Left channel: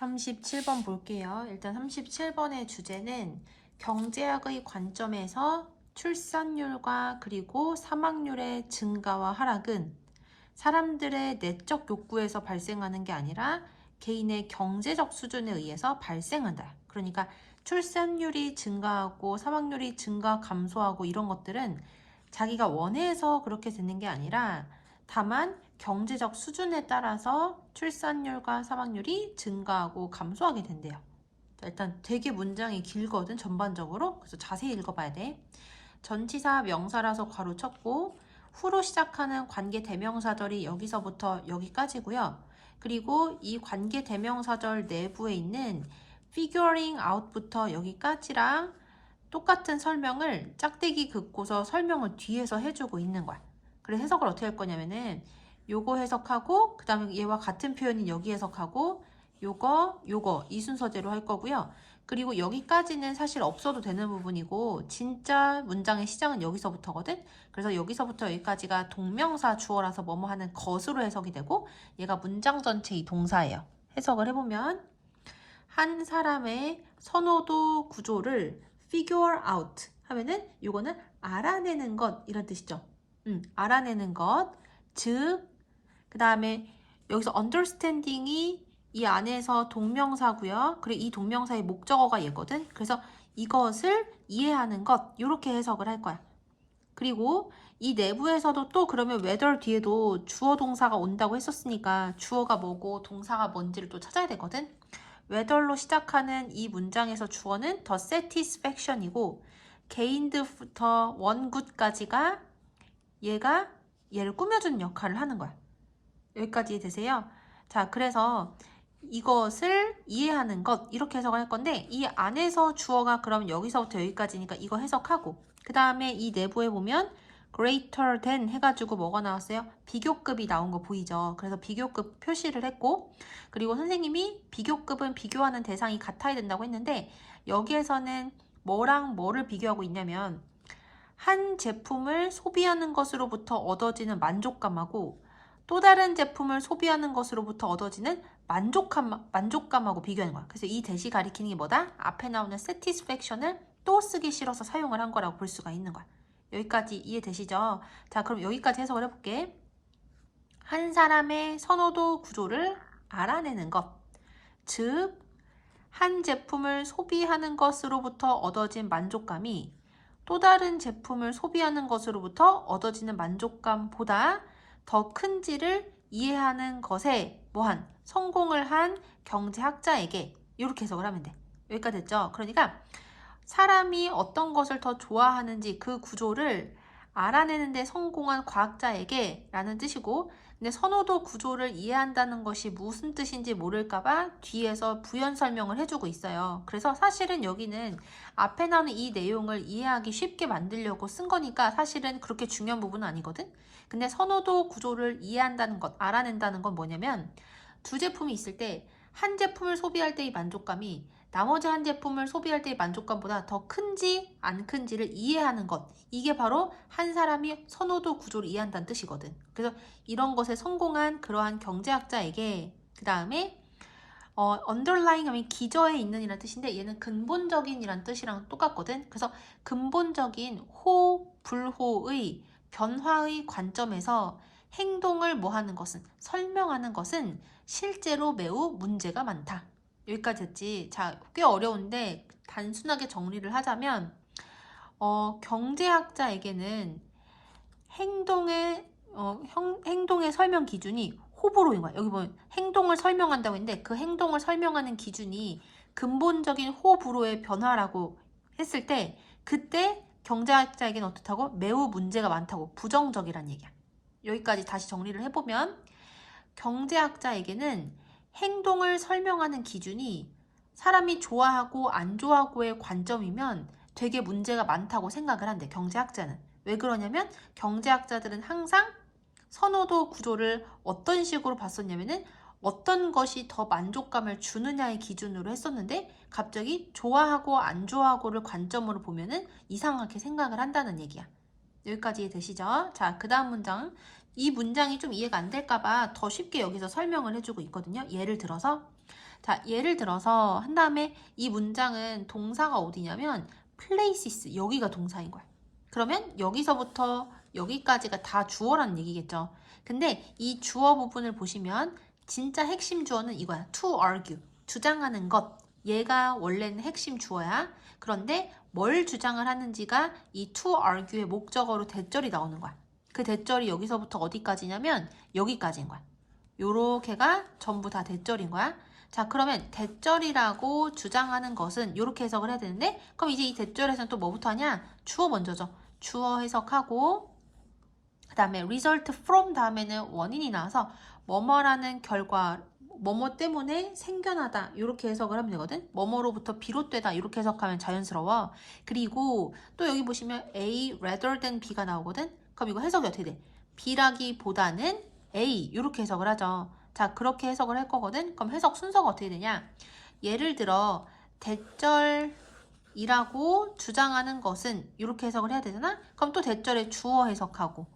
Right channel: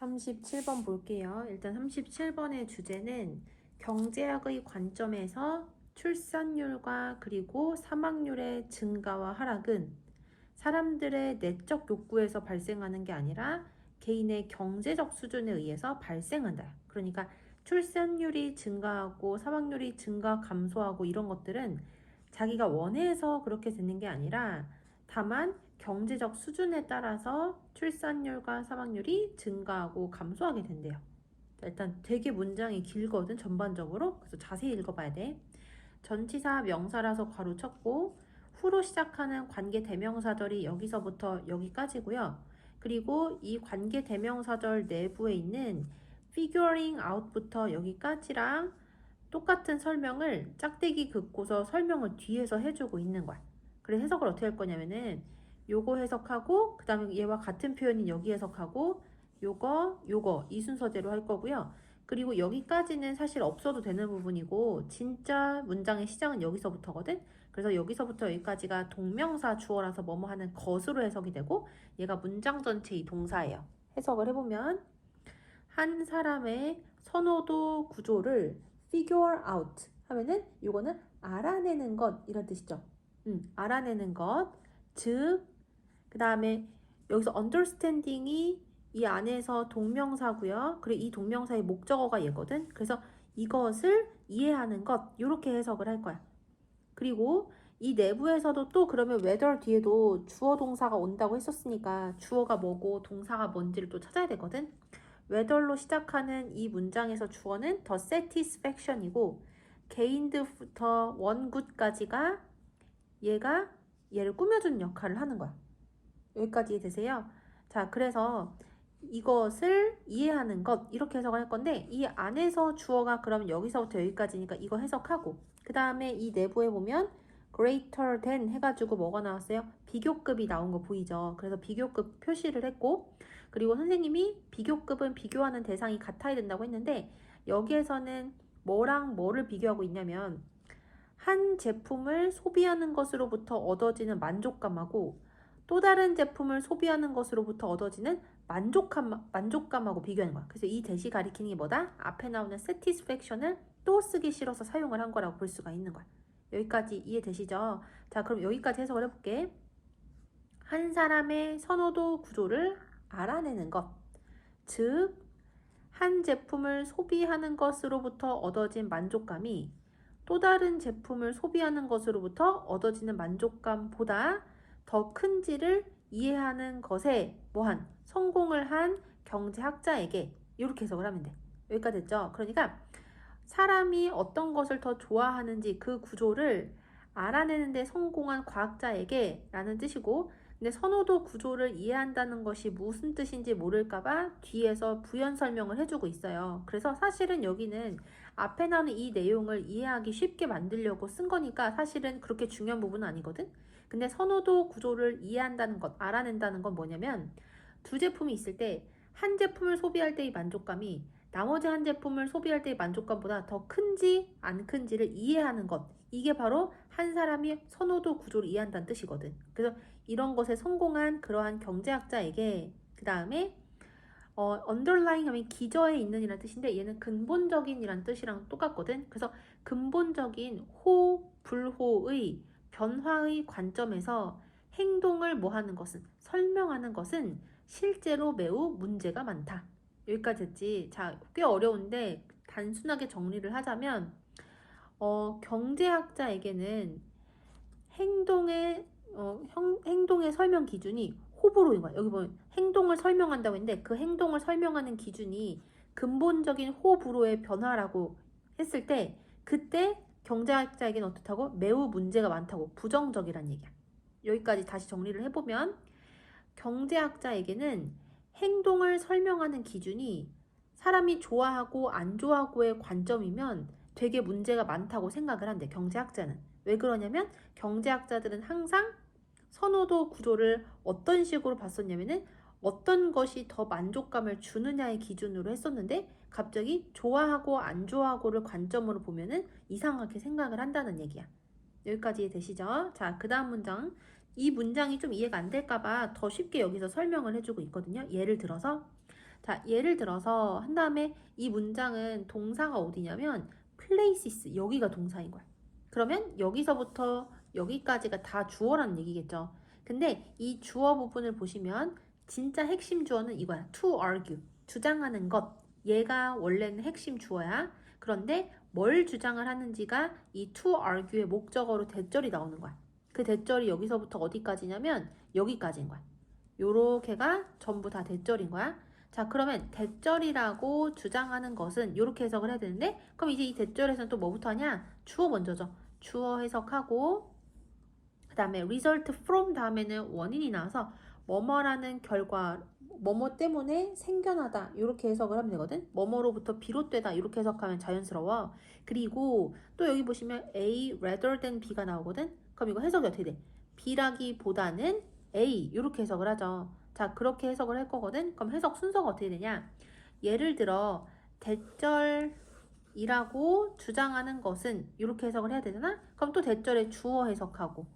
37번 볼게요. 일단 37번의 주제는 경제학의 관점에서 출산율과 그리고 사망률의 증가와 하락은 사람들의 내적 욕구에서 발생하는 게 아니라 개인의 경제적 수준에 의해서 발생한다. 그러니까 출산율이 증가하고 사망률이 증가, 감소하고 이런 것들은 자기가 원해서 그렇게 되는 게 아니라 다만 경제적 수준에 따라서 출산율과 사망률이 증가하고 감소하게 된대요. 일단 되게 문장이 길거든, 전반적으로. 그래서 자세히 읽어봐야 돼. 전치사 명사라서 괄호 쳤고 후로 시작하는 관계 대명사절이 여기서부터 여기까지고요. 그리고 이 관계 대명사절 내부에 있는 figuring out부터 여기까지랑 똑같은 설명을 짝대기 긋고서 설명을 뒤에서 해주고 있는 거야. 그래서 해석을 어떻게 할 거냐면은 요거 해석하고 그 다음에 얘와 같은 표현인 여기 해석하고 요거 이 순서대로 할 거고요. 그리고 여기까지는 사실 없어도 되는 부분이고 진짜 문장의 시작은 여기서부터거든. 그래서 여기서부터 여기까지가 동명사 주어라서 뭐뭐 하는 것으로 해석이 되고 얘가 문장 전체 이 동사예요. 해석을 해보면 한 사람의 선호도 구조를 figure out 하면은 요거는 알아내는 것 이런 뜻이죠. 알아내는 것. 즉, 그 다음에 여기서 understanding이 이 안에서 동명사고요. 그리고 이 동명사의 목적어가 얘거든. 그래서 이것을 이해하는 것 이렇게 해석을 할 거야. 그리고 이 내부에서도 또 그러면 whether 뒤에도 주어 동사가 온다고 했었으니까 주어가 뭐고 동사가 뭔지를 또 찾아야 되거든. whether로 시작하는 이 문장에서 주어는 the satisfaction이고 gained부터 one good까지가 얘를 꾸며주는 역할을 하는 거야. 여기까지 되세요? 자, 그래서 이것을 이해하는 것 이렇게 해석을 할 건데 이 안에서 주어가 그럼 여기서부터 여기까지니까 이거 해석하고 그 다음에 이 내부에 보면 greater than 해가지고 뭐가 나왔어요? 비교급이 나온 거 보이죠? 그래서 비교급 표시를 했고 그리고 선생님이 비교급은 비교하는 대상이 같아야 된다고 했는데 여기에서는 뭐랑 뭐를 비교하고 있냐면 한 제품을 소비하는 것으로부터 얻어지는 만족감하고 또 다른 제품을 소비하는 것으로부터 얻어지는 만족감하고 비교하는 거야. 그래서 이 대시 가리키는 게 뭐다? 앞에 나오는 satisfaction을 또 쓰기 싫어서 사용을 한 거라고 볼 수가 있는 거야. 여기까지 이해되시죠? 자, 그럼 여기까지 해석을 해볼게. 한 사람의 선호도 구조를 알아내는 것. 즉, 한 제품을 소비하는 것으로부터 얻어진 만족감이 또 다른 제품을 소비하는 것으로부터 얻어지는 만족감보다 더 큰지를 이해하는 것에 뭐한 성공을 한 경제학자에게 이렇게 해석을 하면 돼. 여기까지 됐죠? 그러니까 사람이 어떤 것을 더 좋아하는지 그 구조를 알아내는 데 성공한 과학자에게 라는 뜻이고 근데 선호도 구조를 이해한다는 것이 무슨 뜻인지 모를까봐 뒤에서 부연 설명을 해주고 있어요. 그래서 사실은 여기는 앞에 나오는 이 내용을 이해하기 쉽게 만들려고 쓴 거니까 사실은 그렇게 중요한 부분은 아니거든. 근데 선호도 구조를 이해한다는 것, 알아낸다는 건 뭐냐면 두 제품이 있을 때 한 제품을 소비할 때의 만족감이 나머지 한 제품을 소비할 때의 만족감보다 더 큰지 안 큰지를 이해하는 것. 이게 바로 한 사람이 선호도 구조를 이해한다는 뜻이거든. 그래서 이런 것에 성공한 그러한 경제학자에게 그 다음에 underlying 하면 기저에 있는 이라는 뜻인데 얘는 근본적인 이라는 뜻이랑 똑같거든. 그래서 근본적인 호, 불호의 변화의 관점에서 행동을 뭐하는 것은 설명하는 것은 실제로 매우 문제가 많다. 여기까지 됐지. 자, 꽤 어려운데 단순하게 정리를 하자면 경제학자에게는 행동의 설명 기준이 호불호인 거야. 여기 보면 행동을 설명한다고 했는데 그 행동을 설명하는 기준이 근본적인 호불호의 변화라고 했을 때 그때 경제학자에게는 어떻다고? 매우 문제가 많다고 부정적이란 얘기야. 여기까지 다시 정리를 해보면 경제학자에게는 행동을 설명하는 기준이 사람이 좋아하고 안 좋아하고의 관점이면 되게 문제가 많다고 생각을 한대, 경제학자는. 왜 그러냐면 경제학자들은 항상 선호도 구조를 어떤 식으로 봤었냐면은 어떤 것이 더 만족감을 주느냐의 기준으로 했었는데 갑자기 좋아하고 안 좋아하고를 관점으로 보면은 이상하게 생각을 한다는 얘기야. 여기까지 되시죠? 자, 그 다음 문장. 이 문장이 좀 이해가 안 될까봐 더 쉽게 여기서 설명을 해주고 있거든요. 예를 들어서 자, 예를 들어서 한 다음에 이 문장은 동사가 어디냐면 places, 여기가 동사인 거야. 그러면 여기서부터 여기까지가 다 주어라는 얘기겠죠. 근데 이 주어 부분을 보시면 진짜 핵심 주어는 이거야. to argue, 주장하는 것. 얘가 원래는 핵심 주어야. 그런데 뭘 주장을 하는지가 이 to argue의 목적어로 대절이 나오는 거야. 그 대절이 여기서부터 어디까지냐면 여기까지인 거야. 요렇게가 전부 다 대절인 거야. 자, 그러면 대절이라고 주장하는 것은 이렇게 해석을 해야 되는데, 그럼 이제 이 대절에서는 또 뭐부터 하냐? 주어 먼저죠. 주어 해석하고 그 다음에 result from 다음에는 원인이 나와서 뭐뭐라는 결과, 뭐뭐 때문에 생겨나다 이렇게 해석을 하면 되거든. 뭐뭐로부터 비롯되다 이렇게 해석하면 자연스러워. 그리고 또 여기 보시면 A rather than B가 나오거든. 그럼 이거 해석이 어떻게 돼? B라기보다는 A 이렇게 해석을 하죠. 자, 그렇게 해석을 할 거거든. 그럼 해석 순서가 어떻게 되냐? 예를 들어 대절이라고 주장하는 것은 이렇게 해석을 해야 되잖아. 그럼 또 대절의 주어 해석하고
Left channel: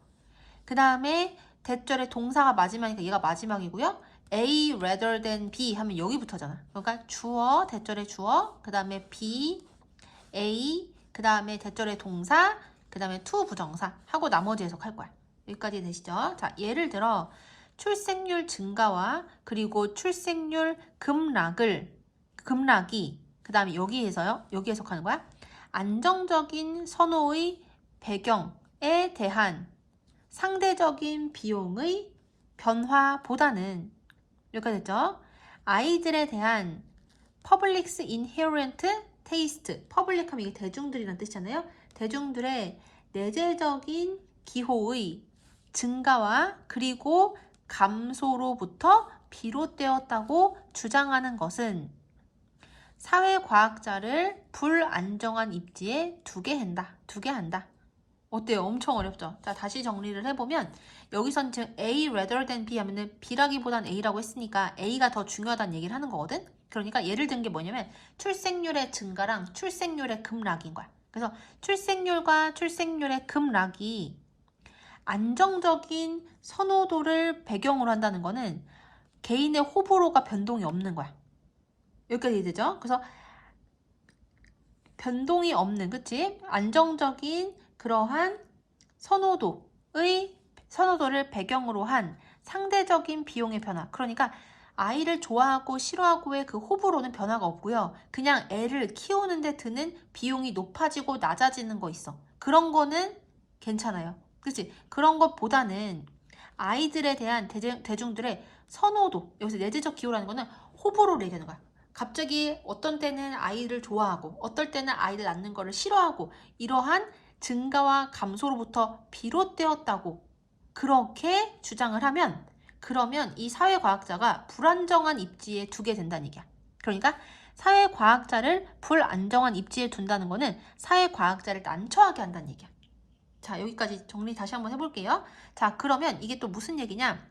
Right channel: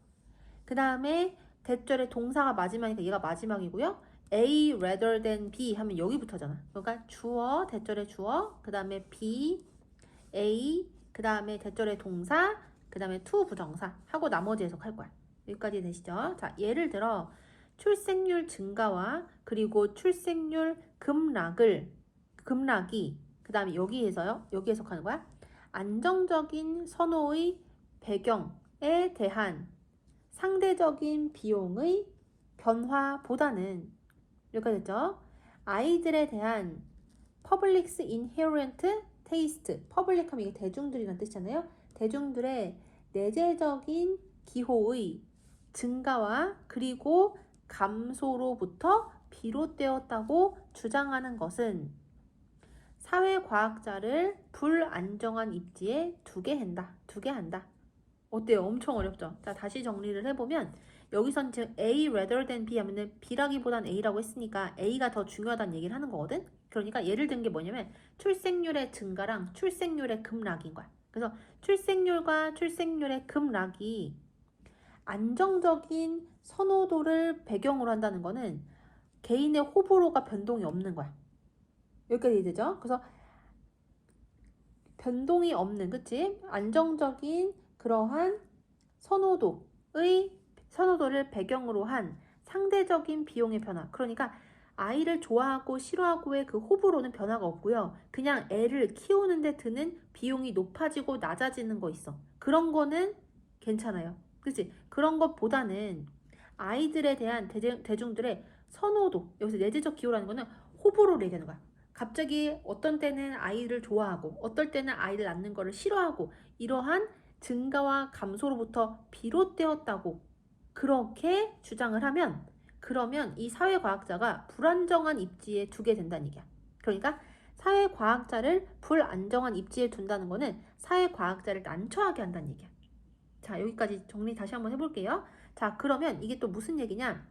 그 다음에 대절의 동사가 마지막이니까 얘가 마지막이고요. A rather than B 하면 여기부터잖아. 그러니까 주어, 대절의 주어, 그 다음에 B, A, 그 다음에 대절의 동사, 그 다음에 to 부정사 하고 나머지 해석할 거야. 여기까지 되시죠? 자, 예를 들어 출생률 증가와 그리고 출생률 급락이 그 다음에 여기에서요. 여기 해석하는 거야. 안정적인 선호의 배경에 대한 상대적인 비용의 변화보다는 여기까지 됐죠? 아이들에 대한 public's inherent taste, public 하면 이게 대중들이란 뜻이잖아요. 대중들의 내재적인 기호의 증가와 그리고 감소로부터 비롯되었다고 주장하는 것은 사회과학자를 불안정한 입지에 두게 한다. 어때요? 엄청 어렵죠? 자, 다시 정리를 해보면 여기선 지금 A rather than B 하면은 B라기보단 A라고 했으니까 A가 더 중요하다는 얘기를 하는 거거든? 그러니까 예를 든 게 뭐냐면 출생률의 증가랑 출생률의 급락인 거야. 그래서 출생률과 출생률의 급락이 안정적인 선호도를 배경으로 한다는 거는 개인의 호불호가 변동이 없는 거야. 여기까지 되죠? 그래서 변동이 없는, 그치? 안정적인 그러한 선호도를 배경으로 한 상대적인 비용의 변화. 그러니까 아이를 좋아하고 싫어하고의 그 호불호는 변화가 없고요. 그냥 애를 키우는데 드는 비용이 높아지고 낮아지는 거 있어. 그런 거는 괜찮아요. 그치? 그런 것보다는 아이들에 대한 대중들의 선호도, 여기서 내재적 기호라는 거는 호불호를 얘기하는 거야. 갑자기 어떤 때는 아이를 좋아하고 어떨 때는 아이를 낳는 거를 싫어하고 이러한 증가와 감소로부터 비롯되었다고 그렇게 주장을 하면 그러면 이 사회과학자가 불안정한 입지에 두게 된다는 얘기야. 그러니까 사회과학자를 불안정한 입지에 둔다는 거는 사회과학자를 난처하게 한다는 얘기야. 자, 여기까지 정리 다시 한번 해볼게요. 자, 그러면 이게 또 무슨 얘기냐?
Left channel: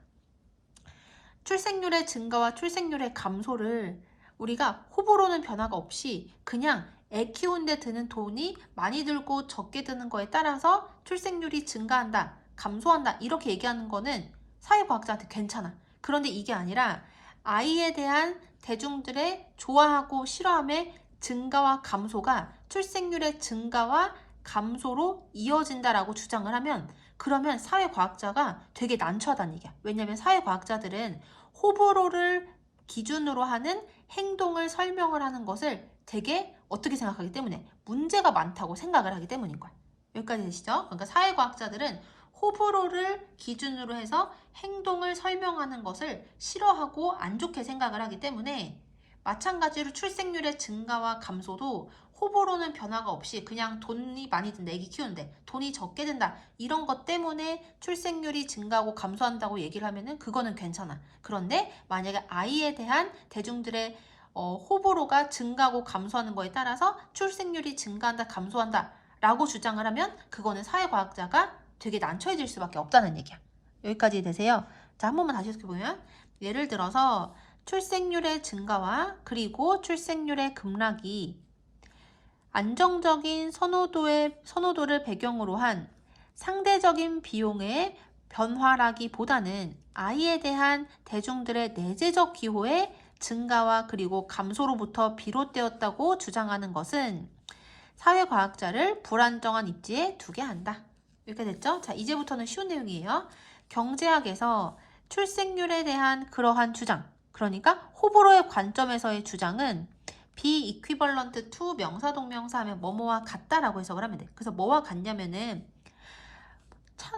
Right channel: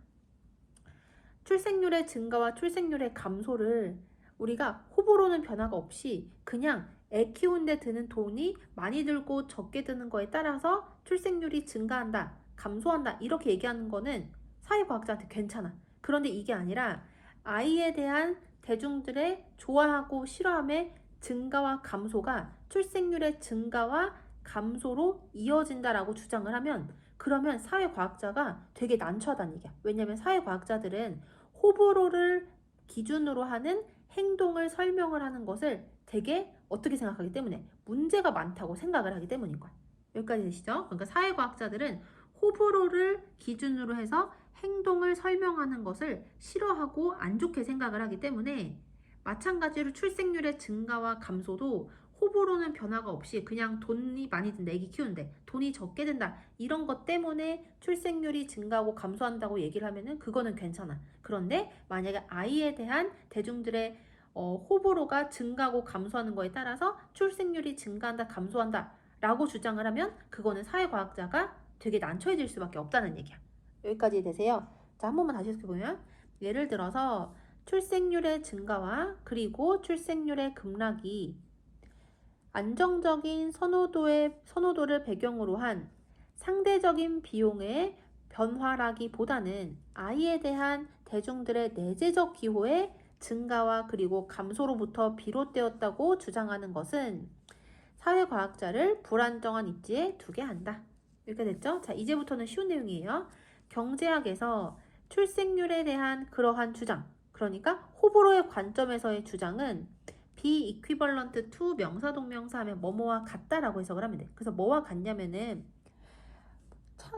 출생률의 증가와 출생률의 감소를 우리가 호불호는 변화가 없이 그냥 애 키우는데 드는 돈이 많이 들고 적게 드는 거에 따라서 출생률이 증가한다, 감소한다 이렇게 얘기하는 거는 사회과학자한테 괜찮아. 그런데 이게 아니라 아이에 대한 대중들의 좋아하고 싫어함의 증가와 감소가 출생률의 증가와 감소로 이어진다라고 주장을 하면 그러면 사회과학자가 되게 난처하다는 얘기야. 왜냐하면 사회과학자들은 호불호를 기준으로 하는 행동을 설명을 하는 것을 되게 어떻게 생각하기 때문에 문제가 많다고 생각을 하기 때문인 거야. 여기까지 되시죠? 그러니까 사회과학자들은 호불호를 기준으로 해서 행동을 설명하는 것을 싫어하고 안 좋게 생각을 하기 때문에 마찬가지로 출생률의 증가와 감소도 호불호는 변화가 없이 그냥 돈이 많이 든다, 애기 키우는데 돈이 적게 든다 이런 것 때문에 출생률이 증가하고 감소한다고 얘기를 하면은 그거는 괜찮아. 그런데 만약에 아이에 대한 대중들의 호불호가 증가하고 감소하는 거에 따라서 출생률이 증가한다, 감소한다 라고 주장을 하면 그거는 사회과학자가 되게 난처해질 수밖에 없다는 얘기야. 여기까지 되세요. 자, 한 번만 다시 해보면 예를 들어서 출생률의 증가와 그리고 출생률의 급락이 안정적인 선호도를 배경으로 한 상대적인 비용의 변화라기보다는 아이에 대한 대중들의 내재적 기호의 증가와 그리고 감소로부터 비롯되었다고 주장하는 것은 사회과학자를 불안정한 입지에 두게 한다. 이렇게 됐죠? 자, 이제부터는 쉬운 내용이에요. 경제학에서 출생률에 대한 그러한 주장, 그러니까 호불호의 관점에서의 주장은 be equivalent to 명사 동명사 하면 뭐뭐와 같다라고 해석을 하면 돼. 그래서 뭐와 같냐면은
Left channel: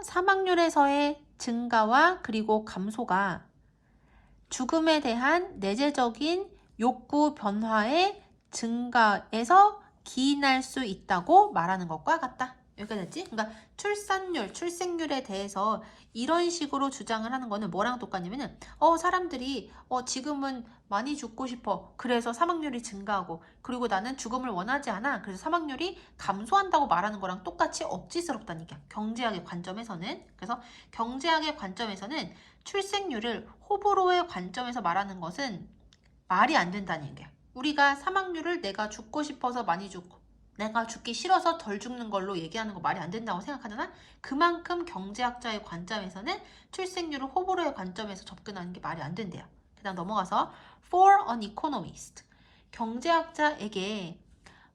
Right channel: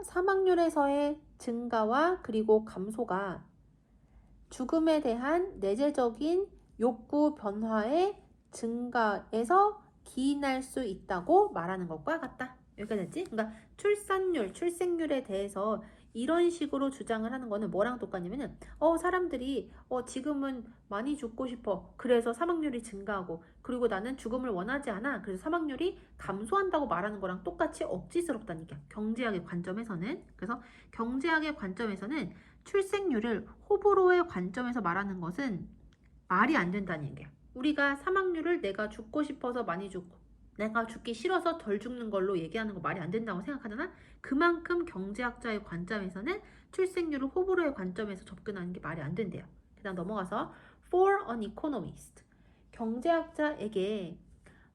사망률에서의 증가와 그리고 감소가 죽음에 대한 내재적인 욕구 변화의 증가에서 기인할 수 있다고 말하는 것과 같다. 여기가 됐지? 그러니까 출산율, 출생률에 대해서 이런 식으로 주장을 하는 거는 뭐랑 똑같냐면은 사람들이 지금은 많이 죽고 싶어. 그래서 사망률이 증가하고 그리고 나는 죽음을 원하지 않아. 그래서 사망률이 감소한다고 말하는 거랑 똑같이 억지스럽다는 얘기야. 경제학의 관점에서는. 그래서 경제학의 관점에서는 출생률을 호불호의 관점에서 말하는 것은 말이 안 된다는 얘기야. 우리가 사망률을 내가 죽고 싶어서 많이 죽고 내가 죽기 싫어서 덜 죽는 걸로 얘기하는 거 말이 안 된다고 생각하잖아. 그만큼 경제학자의 관점에서는 출생률을 호불호의 관점에서 접근하는 게 말이 안 된대요. 그다음 넘어가서 for an economist. 경제학자에게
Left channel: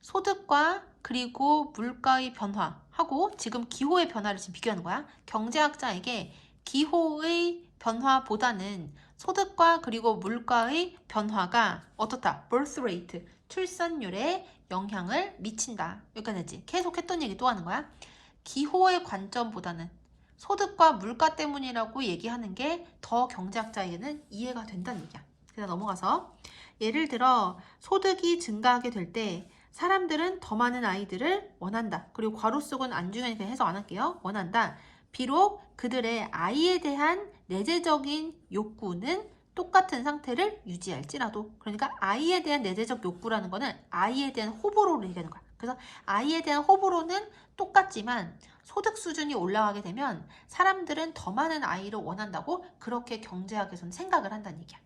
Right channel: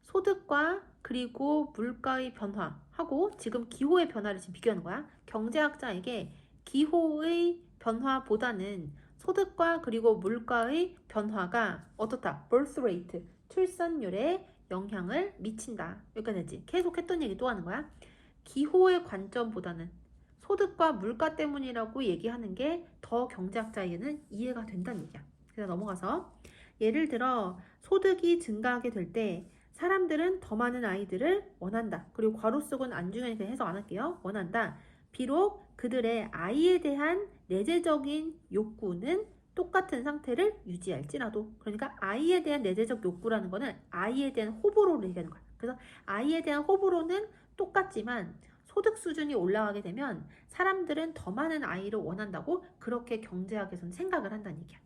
소득과 그리고 물가의 변화하고 지금 기호의 변화를 지금 비교하는 거야. 경제학자에게 기호의 변화보다는 소득과 그리고 물가의 변화가 어떻다? birth rate, 출산율에 영향을 미친다. 여기까지 됐지? 계속 했던 얘기 또 하는 거야. 기호의 관점보다는 소득과 물가 때문이라고 얘기하는 게 더 경제학자에게는 이해가 된다는 얘기야. 그래서 넘어가서 예를 들어 소득이 증가하게 될 때 사람들은 더 많은 아이들을 원한다. 그리고 괄호 속은 안중에 그냥 해석 안 할게요. 원한다. 비록 그들의 아이에 대한 내재적인 욕구는 똑같은 상태를 유지할지라도. 그러니까 아이에 대한 내재적 욕구라는 거는 아이에 대한 호불호를 얘기하는 거야. 그래서 아이에 대한 호불호는 똑같지만 소득 수준이 올라가게 되면 사람들은 더 많은 아이를 원한다고 그렇게 경제학에서는 생각을 한다는 얘기야.